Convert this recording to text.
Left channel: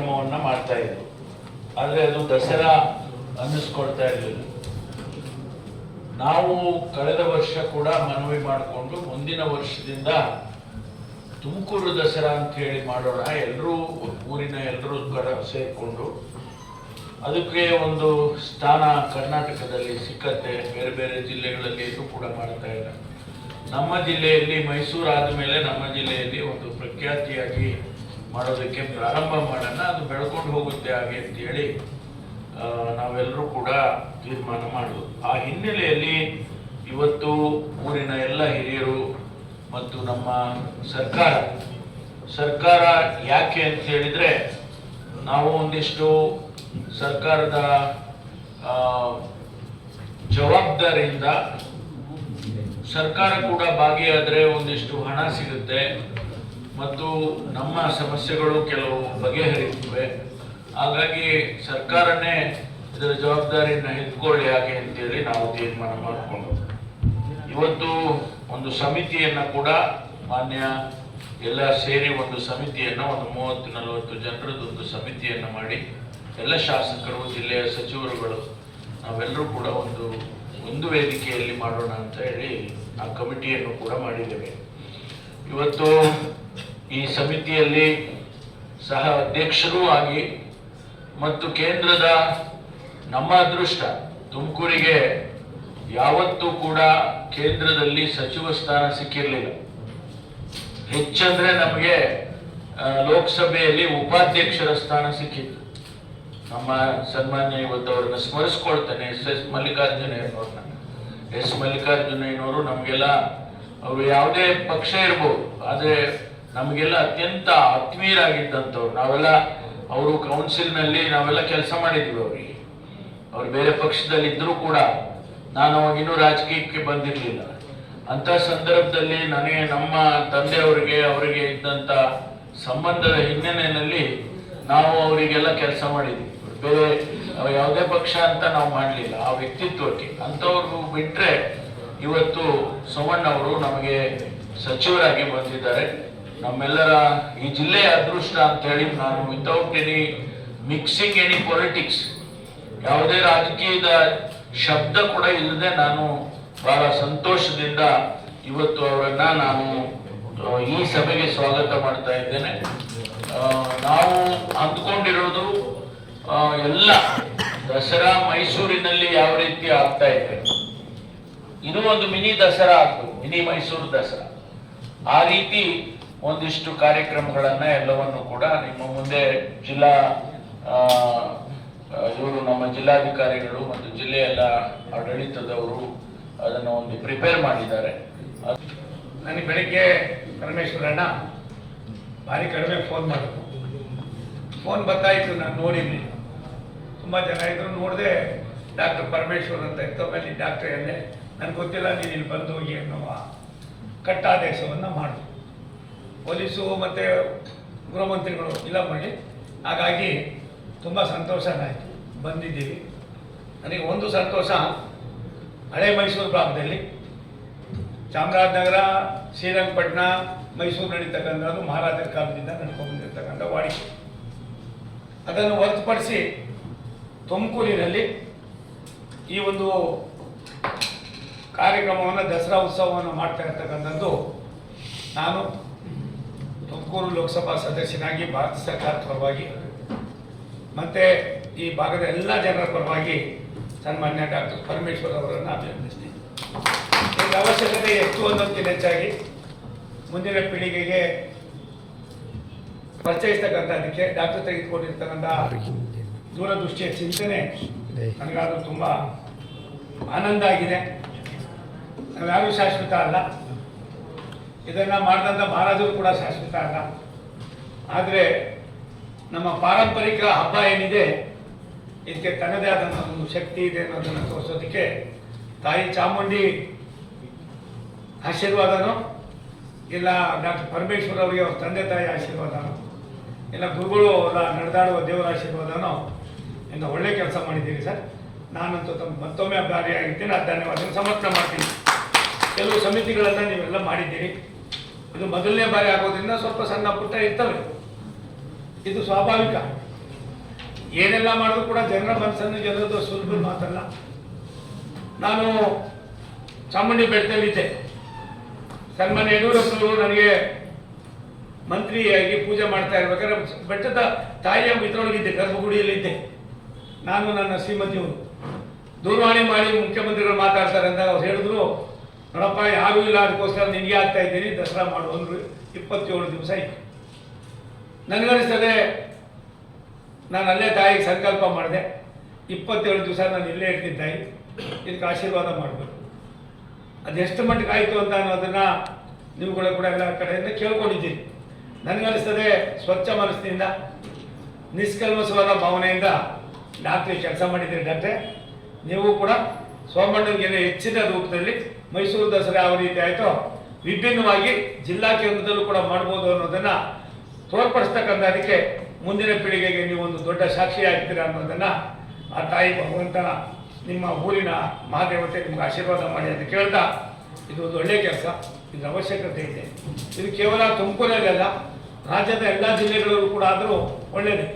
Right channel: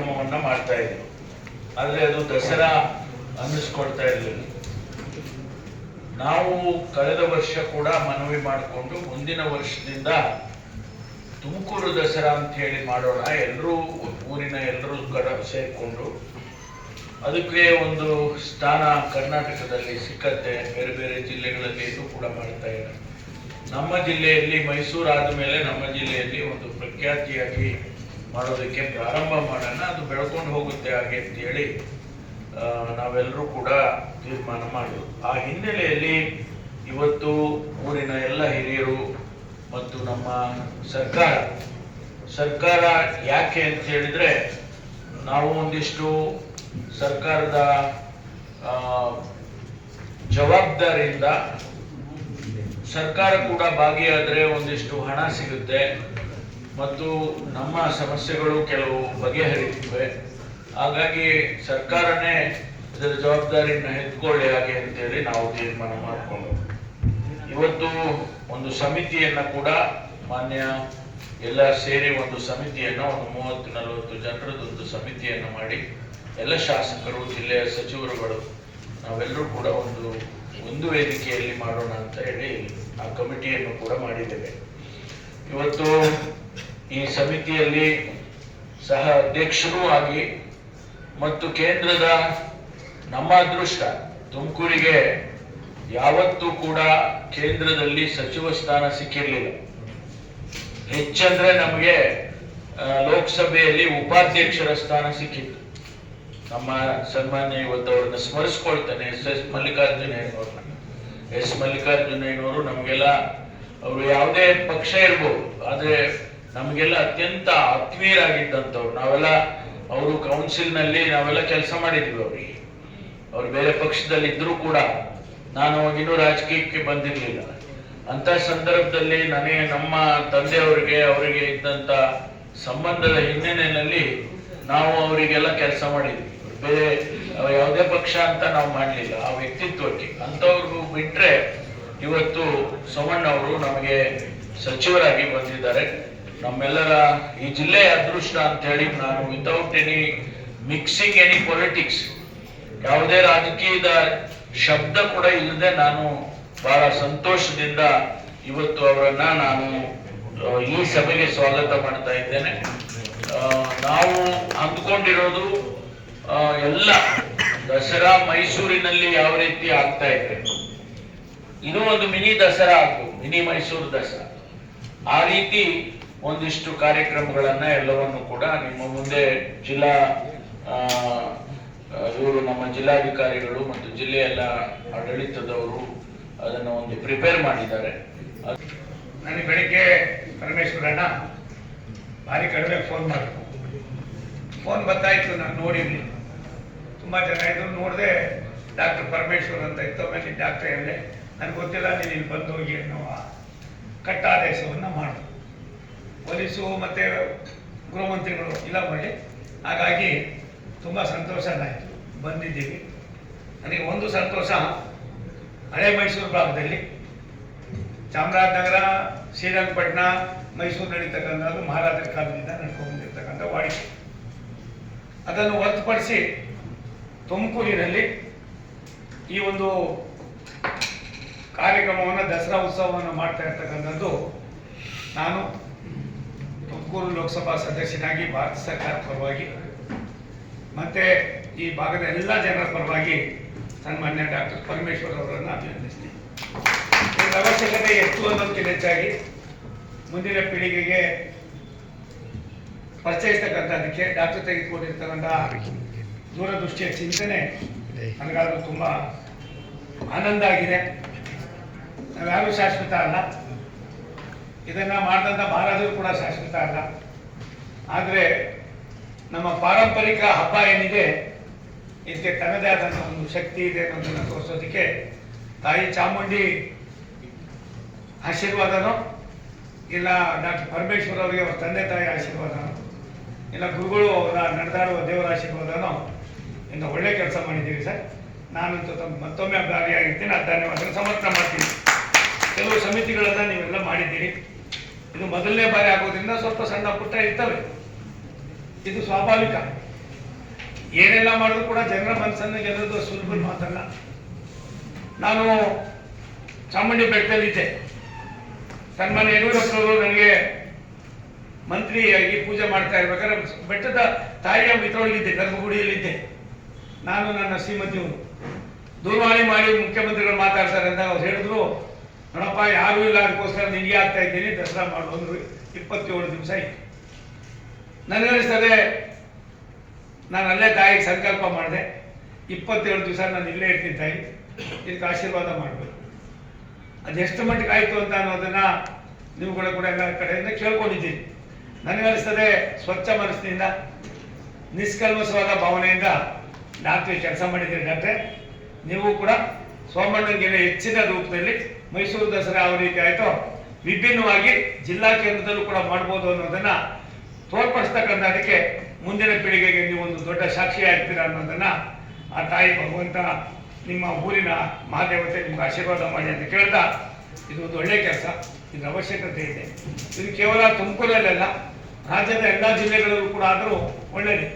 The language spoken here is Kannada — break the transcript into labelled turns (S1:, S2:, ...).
S1: ಕಾರ್ಯಕ್ರಮವನ್ನ ಮಾಡ್ತಾ ಇದ್ರು. ಆದ್ರೆ ಅದು ದಸರಾ ಅನ್ನಿಸ್ಕೊಡ್ತಾ ಇರಲಿಲ್ಲ. ನಾವು ಕಳೆದ ವರ್ಷ ಕೂಡ ಮನವಿ ಮಾಡಿಕೊಂಡು ಮುಂದಿನ ವರ್ಷದಿಂದ ತುಮಕೂರು ದಸರಾ ಅಂತ ಹೇಳಿ ಮಾಡೋಣ ಎಲ್ಲರೂ ಊರಿನ ಎಲ್ಲರೂ ಕಡ ಸೇರಿಕೊಂಡು. ಅದಕ್ಕೆ ಒಂದು ಸ್ಥಾನ ಕರ್ನಾಟಕದಲ್ಲಿ ಸಿಕ್ಕತ್ತೆ, ಬೇರೆ ಬೇರೆ ಜಿಲ್ಲೆಗಳಲ್ಲಿ ಇದು ಕೂಡ ಮಾಡ್ತಾ ಇಲ್ಲ. ನಮ್ಮ ಜಿಲ್ಲೆಯಲ್ಲಿ ಮೈಸೂರು ಆದಮೇಲೆ ನಮ್ಮ ಜಿಲ್ಲೆಯಲ್ಲಿ ಒಂದು ಪ್ರಖ್ಯಾತಿಯಾಗಿ ಮಾಡೋದಕ್ಕೆ ಪ್ರಾರಂಭ ಮಾಡೋಣ, ಅದು ಬೆಳ್ಕೊಂಡು ಹೋಗುತ್ತೆ ಹಾಗೆ ಅಂತ ಹೇಳಿ ನಾವೆಲ್ಲರೂ ಕೂಡ ತೀರ್ಮಾನ ಮಾಡೋದು. ಆ ಹಿನ್ನೆಲೆಯಲ್ಲಿ ಇವತ್ತು ಊರಿನ ಎಲ್ಲ ಹಿರಿಯರು ಮತ್ತು ನಮ್ಮ ಸರ್ಕಾರ ಸರ್ಕಾರ ಯಾಕೆ ಅಂತ ಹೇಳಿದ್ರೆ, ನಾವು ಒಂದಿಷ್ಟು ಸರ್ಕಾರದ ಜವಾಬ್ದಾರಿಯಿಂದ ಸರ್ಕಾರ ಕೂಡ ಭಾಗಿಯಾದರೆ ಒಂದಿಷ್ಟು ಹಣ ಸಿಗುತ್ತೆ. ಮತ್ತು ನಮ್ಮ ಸಮಸ್ಯೆಗಳು ಕೆಲವು ಬಗೆಹರಿಯುತ್ತಿವೆ. ಹಾಗಾಗಿ ಸರ್ಕಾರನೇ ಇದರ ಜವಾಬ್ದಾರಿಯನ್ನು ಎತ್ಕೊಳ್ಳಿ ಹಾಗೆ ಅಂತೇಳಿ ನಾವು ತೀರ್ಮಾನ ಮಾಡಿಕೊಂಡು ಇವತ್ತು ಒಂದು ಸಮಿತಿಯನ್ನ ಕೂಡ ಮಾನ್ಯ ಎಲ್ಲ ಸೇರಿ ಒಂದು ಸಮಿತಿಯನ್ನ, ಒಂದು ಮೂವತ್ತು ನಲವತ್ತು ಜನರದ್ದು ಒಂದು ಸಮಿತಿಯನ್ನ ಮಾಡಿ ಎಲ್ಲ ಶಾಸಕರು, ಜಿಲ್ಲೆಯ ಸಚಿವರುಗಳು ನಾವೆಲ್ಲರೂ ಕೂಡ ಒಂದು ಒಂದು ವೇದಿಕೆಯಲ್ಲಿ ಮಾಡೋಣ ಅಂತ ಹೇಳಿ ಆ ಕಮಿಟಿಯನ್ನು ಕೂಡ ಮಾಡಿದ್ದೇವೆ. ಇವತ್ತು ಈ ಸಮಿತಿಯಲ್ಲಿ ಸಹ ಅಧ್ಯಕ್ಷರೂ ಆಗಿ ಮತ್ತು ಕೇಂದ್ರದ ನಮ್ಮ ಅದೃಷ್ಟ, ತುಮಕೂರಿಗೆ ಯಾವತ್ತೂ ಕೂಡ ಕೇಂದ್ರದಲ್ಲಿ ಸಚಿವ ಸ್ಥಾನ ಸಿಕ್ಕಿರಲಿಲ್ಲ. ಹೆಚ್ಚಂದ್ರೆ ನಮಗೆ ಲೋಕಸಭೆಯಲ್ಲಿ ಉಪಾಧ್ಯಕ್ಷರ ಸ್ಥಾನ ಸಿಕ್ಕಿತ್ತು. ನಮ್ಮ ಸನ್ಮಾನ್ಯ ಇವತ್ತು ಅವ್ರನ್ನ ಸ್ಮರಿಸ್ಕೊಳ್ತೇನೆ, ಎಸ್ ಎಸ್ ಮಲ್ಲಿಕಾರ್ಜುನಯ್ಯನವ್ರನ್ನ ಎಸ್ ಮಲ್ಲಿಕಾರ್ಜುನಯ್ಯನವರು ನಮಗೆಲ್ಲ, ಅವರು ಯಾವುದೇ ಪಕ್ಷ ಇರ್ಬೋದು, ಆದ್ರೆ ನಮಗೆಲ್ಲ ಅತ್ಯಂತ ಆತ್ಮೀಯರಾಗಿದ್ದಂಥವ್ರು. ನಾವೆಲ್ಲ ಅವರು ಕೌನ್ಸಿಲ್ನಲ್ಲಿ ನಾವೆಲ್ಲ ಕೆಲಸ ಮಾಡಿದ್ವಿ ಅವ್ರಿಗೆ. ಅವ್ರು ಬೇರೆ ಪಕ್ಷದಲ್ಲಿ ಕೂಡ ನಾನು ಅವಾಗಿನ್ನೂ ರಾಜಕೀಯಕ್ಕೆ ಬಂದಿರಲಿಲ್ಲ. ಅಂತ ಸಂದರ್ಭದಲ್ಲಿ ನನಗೆ ನಮ್ಮ ತಂದೆಯವರಿಗೆ, ಅವರಿಗೆ ಇದ್ದಂತ ಸಂಬಂಧದ ಹಿನ್ನೆಲೆಯಲ್ಲಿ ನಾವು ಅವರಿಗೆಲ್ಲ ಕೆಲಸ ಮಾಡಿದ್ವಿ. ಬೇರೆ ಯಾವುದೇ ಪಕ್ಷ ಅಂತ ನಾವು ಮಾಡಲಿಲ್ಲ. ಆ ವ್ಯಕ್ತಿತ್ವಕ್ಕೆ. ಅಂಥವ್ರು ಬಿಟ್ರೆ ಇವತ್ತು ಸೋಮಣ್ಣವರು ನಮಗೆ ಸಚಿವರಾಗಿ ಬಂದಿದ್ದಾರೆ. ನಮ್ಮೆಲ್ಲರ ಈ ಜಿಲ್ಲೆಯ ಅದೃಷ್ಟ ಅಂತ ಹೇಳಿ ನಾನು without any mixing any politics ಯಾವುದೇ ರಾಜಕೀಯದ ಶಬ್ದ ಕೂಡ ಇಲ್ಲದೆ ನಾನು ಬಹಳ ಸಂತೋಷದಿಂದ ಇವತ್ತು ಅವರನ್ನ ನಾನು ಈ ಸಭೆಗೆ ಸ್ವಾಗತ ಮಾಡ್ತಾ ಇದ್ದೇನೆ. ನಾವು ಅಂದ್ಕೊಂಡಿರೋದು ಎಲ್ಲ ದಸರಾ ಮೈಸೂರಿನಲ್ಲಿ ಯಾವ ರೀತಿ ಆಗ್ತಾ ಇದೆ. ಇನ್ನೂ ಒಂದು ಮಿನಿ ದಸರಾ ಆಗ್ಬೋದು, ಮಿನಿ ಮೈಸೂರು ದಸರಾ. ಆ ರೀತಿ ಒಂದಿಷ್ಟು ಕಾರ್ಯಕ್ರಮಗಳನ್ನ ಎಲ್ಲವನ್ನು ಕೂಡ ನಿಮ್ಮ ಮುಂದೆ ಜಿಲ್ಲಾ ಇವರು ನಮ್ಮ ಜಿಲ್ಲಾಧಿಕಾರಿಗಳು ಮತ್ತು ಜಿಲ್ಲೆಯ ಎಲ್ಲ ಆಡಳಿತದವರು ಅದನ್ನು ಒಂದು ಪ್ರಿಪೇರ್ ಮಾಡಿದ್ದಾರೆ.
S2: ನನಗೆ ಬೆಳಿಗ್ಗೆ ಪರಮೇಶ್ವರಣ್ಣ ಭಾರಿ ಕಡಿಮೆ ಫೋನ್ ಮಾಡಿದ್ರು. ಫೋನ್ ಬರ್ತಾಯಿತ್ತು ನಾನು ನೋಡಿದ್ವಿ ತುಂಬ ಜನ ಇದ್ರು, ನೋಡಿದೆ ಡಾಕ್ಟರ್ ಪರಮೇಶ್ವರ್ ಅಂತ ಇತ್ತು, ಆಮೇಲೆ ಡಾಕ್ಟರ್ ಹೇಳಿದೆ ನನಗೆ ಗೊತ್ತಿಲ್ಲ, ನೀನು ಬಂದು ಹೋಗಿ ಅನ್ನೋ ಕಟ್ಟಾದೇಶವನ್ನು ಮಾಡಿದ್ರು. ಪೊಲೀಸು ಮತ್ತು ಗೃಹಮಂತ್ರಿಗಳು ಇಲ್ಲ ಮಾಡಿ ಹಾಗಾಗಿ ತುಂಬ ಸಂತೋಷ ಆಯಿತು. ಬಂದಿದ್ದೀವಿ. ನನಗೆ ಒಂದು ಸಂತೋಷ, ಹಳೆ ಮೈಸೂರು ಭಾಗದಲ್ಲಿ ಚಾಮರಾಜನಗರ, ಶ್ರೀರಂಗಪಟ್ಟಣ, ಮೈಸೂರು ನಡೀತಕ್ಕಂಥದ್ದು ಮಹಾರಾಜರ ಕಾಲದಿಂದ ನಡ್ಕೊಂಡು ಬಂದಿರತಕ್ಕಂಥ ವಾಡಿಕೆ. ಅದನ್ನು ಹೊರತುಪಡಿಸಿ ತುಮಕೂರಿನಲ್ಲಿ ಈ ಒಂದು ಕಾರ್ಯಕ್ರಮವನ್ನು ದಸರಾ ಉತ್ಸವವನ್ನು ಮಾಡ್ತಾ ಇರ್ತಕ್ಕಂಥದ್ದು ನಾನು. ತುಮಕೂರು ಲೋಕಸಭಾ ಸದಸ್ಯನಾಗಿ ಭಾರತ ಸರ್ಕಾರ ಪರವಾಗಿ ಮತ್ತು ಈ ಭಾಗದ ಎಲ್ಲ ಜನರ ಪರವಾಗಿ ಸನ್ಮಾನ್ಯ ಡಾಕ್ಟರ್ ಪರಮೇಶ್ವರ್ ಅವರನ್ನು ಅಭಿನಂದಿಸ್ತೀನಿ. ಇದರ ಅವಶ್ಯಕತೆ ಎಷ್ಟು ಅನ್ನೋದಕ್ಕಿಂತ ಹೆಚ್ಚಾಗಿ ಮುಂದಿನ ಪೀಳಿಗೆಗೆ ಪರಿಚಯಿಸ್ತಕ್ಕಂಥದ್ದಕ್ಕೆ ಡಾಕ್ಟರ್ ತೆಗೆದುಕೊಂಡಿರ್ತಕ್ಕಂಥ ದೂರದೃಷ್ಟಿಯ ಚಿಂತನೆ ನನಗಾದರೂ ತುಂಬ ಆನಂದ ಆಗಿದೆ. ನಾವ್ಯಾರೂ ಶಾಶ್ವತ ಅಲ್ಲ. ಇದನ್ನು ಮಾಡಿದಂಥ ಮಹಾರಾಜರು ಕೂಡ ಶಾಶ್ವತ ಅಲ್ಲ. ಆದರೆ ನಮ್ಮ ಪಾರಂಪರಿಕ ಹಬ್ಬ ಏನಿದೆ, ಇದಕ್ಕೆ ತನ್ನದೇ ಆದಂಥ ಒಂದು ಶಕ್ತಿ ಇದೆ ಅನ್ನೋದನ್ನು ತೋರಿಸೋದಕ್ಕೆ ತಾಯಿ ಚಾಮುಂಡಿ ಆಶೀರ್ವಾದನೋ, ಇಲ್ಲ ಡಾಕ್ಟರ್ ಪರಮೇಶ್ವರ್ ಅವರಿಗೆ ಅವ್ರ ತಂದೆ ತಾಯಿ ಆಶೀರ್ವಾದನೋ, ಇಲ್ಲ ಗುರುಗಳು ಅವರ ನಡೆದಾಡುವ ದೇವರ ಆಶೀರ್ವಾದನೋ ಇಂದ ಒಳ್ಳೆ ಕೆಲಸ ಮಾಡಿದ್ದೀರಿ ಸರ್. ನಾನಂತೂ ತಮ್ಮ ಮತ್ತೊಮ್ಮೆ ಭಾರಿಯಾಗಿದ್ದೀನಿ ಆ ಧನ್ಯವಾದ ಸಮರ್ಪನ ಮಾಡ್ತೀನಿ. ಕೆಲವು ಸಮಿತಿಗಳೆಲ್ಲ ನೀವೆಲ್ಲ ಮಾಡಿದ್ದೀರಿ. ಇದು ಮೊದಲನೇ ಬಾರಿ ಆಗೋದ್ರಿಂದ ಸ್ವಲ್ಪ ಸಣ್ಣ ಪುಟ್ಟ ಇರ್ತವೆ. ಇದು ಸ್ವಾಭಾವಿಕ. ಏನೆಲ್ಲ ಮಾಡಿದ್ರು ಕೂಡ ಜನರ ಮನಸ್ಸನ್ನು ಗೆಲ್ಲೋದು ಸುಲಭ ಮಾತಲ್ಲ ನಾನು ಚಾಮುಂಡಿ ಬೆಟ್ಟದಲ್ಲಿದ್ದೆ. ಸನ್ಮಾನ್ಯ ಯಡಿಯೂರಪ್ಪನವರು ನನಗೆ ಮಂತ್ರಿಯಾಗಿ ಪೂಜೆ ಮಾಡ್ತಾ ಇರ್ಬೇಕಾದ್ರೆ ಬೆಟ್ಟದ ತಾಯಿಯ ಮಿತ್ರೊಳಗಿದ್ದೆ ಗರ್ಭಗುಡಿಯಲ್ಲಿದ್ದೆ. ನಾನು ನನ್ನ ಶ್ರೀಮತಿಯವರು ದೂರವಾಣಿ ಮಾಡಿ ಮುಖ್ಯಮಂತ್ರಿಗಳು ಮಾತಾಡ್ತಾರೆ ಅಂತ ಅವ್ರು ಹೇಳಿದ್ರು. ನೋಡಪ್ಪ, ಯಾರೂ ಇಲ್ಲ ಅದಕ್ಕೋಸ್ಕರ ನಿನಗೆ ಆಗ್ತಾ ಇದ್ದೀನಿ, ದಸರಾ ಮಾಡು ಅಂದರು ಇಪ್ಪತ್ತೇಳು ದಿವಸ ಇತ್ತು ನನಗನ್ನಿಸ್ತದೆ ನಾನು ಅಲ್ಲೇ ತಾಯಿಗೆ ಸಂಕಲ್ಪ ಮಾಡಿದೆ. ಇಪ್ಪತ್ತೇಳು ದಿವಸ ನಾನು ಇಲ್ಲೇ ಇರ್ತೀನಿ ತಾಯಿ ಇದಕ್ಕೆ ಆಶೀರ್ವಾದ ಮಾಡಬೇಕು. ಅದೆಷ್ಟು ಮಟ್ಟಿಗೆ ಆಯಿತು ಅಂತ ಅನ್ನೋದನ್ನು ನೀವುಗಳ ಕೂಡ ಎಲ್ಲ ಕಡೆಯಿಂದ ಕೇಳ್ಕೊಂಡಿದ್ದೀನಿ. ನನಗನ್ನಿಸ್ತದೆ ಸ್ವಚ್ಛ ಮನಸ್ಸಿನಿಂದ ನಿಷ್ಕಲ್ಮಸವಾದ ಭಾವನೆಯಿಂದ ಡಾಕ್ಟ್ರಿ ಕೆಲಸ ಮಾಡಿದ್ದೀರಿ ಡಾಕ್ಟ್ರೆ. ನೀವು ಕೂಡ ಸೋಮಣ್ಣನಿಗೆ ಹೆಚ್ಚಿನ ರೂಪದಲ್ಲಿ ಮೈಸೂರು ದಸರಾ ಯಾವ ರೀತಿ ಆಯಿತೋ. ವಿಭಿನ್ನವಾಗಿ ಜಿಲ್ಲಾ ಕೇಂದ್ರದಲ್ಲೂ ಕೂಡ ಮಾಡ್ಬೋದು ಅನ್ನೋದನ್ನ ತೋರ್ಪಡಿಸ್ತಕ್ಕಂಥದಕ್ಕೆ ಮುಂದಿನ ಪೀಳಿಗೆಗೆ ನೀವು ಒಂದು ದೊಡ್ಡ ಸಾಕ್ಷಿ ಆಗ್ತೀರಾ ಅನ್ನೋದನ್ನ ಆ ತಾಯಿ ಭಗವಂತ ನಿಮ್ಮ ಊರಿನ ಮಹಾದೇವತೆ ನಿಮ್ಗೆ ಆಶೀರ್ವಾದ ಮಾಡಿ ಅಂತ ಕೇಳ್ತಾ, ಇದು ಒಂದು ಒಳ್ಳೆಯ ಕೆಲಸ, ಇದರ ಅವಶ್ಯಕತೆ ಇದೆ. ಇದು ಕೇವಲ ತುಮಕೂರಲ್ಲೆಲ್ಲ ರಾಜ್ಯದ ಎಲ್ಲ ಜಿಲ್ಲೆಗಳಲ್ಲೂ ಕೂಡ ಆದರೂ ಒಳ್ಳೆಯದೇ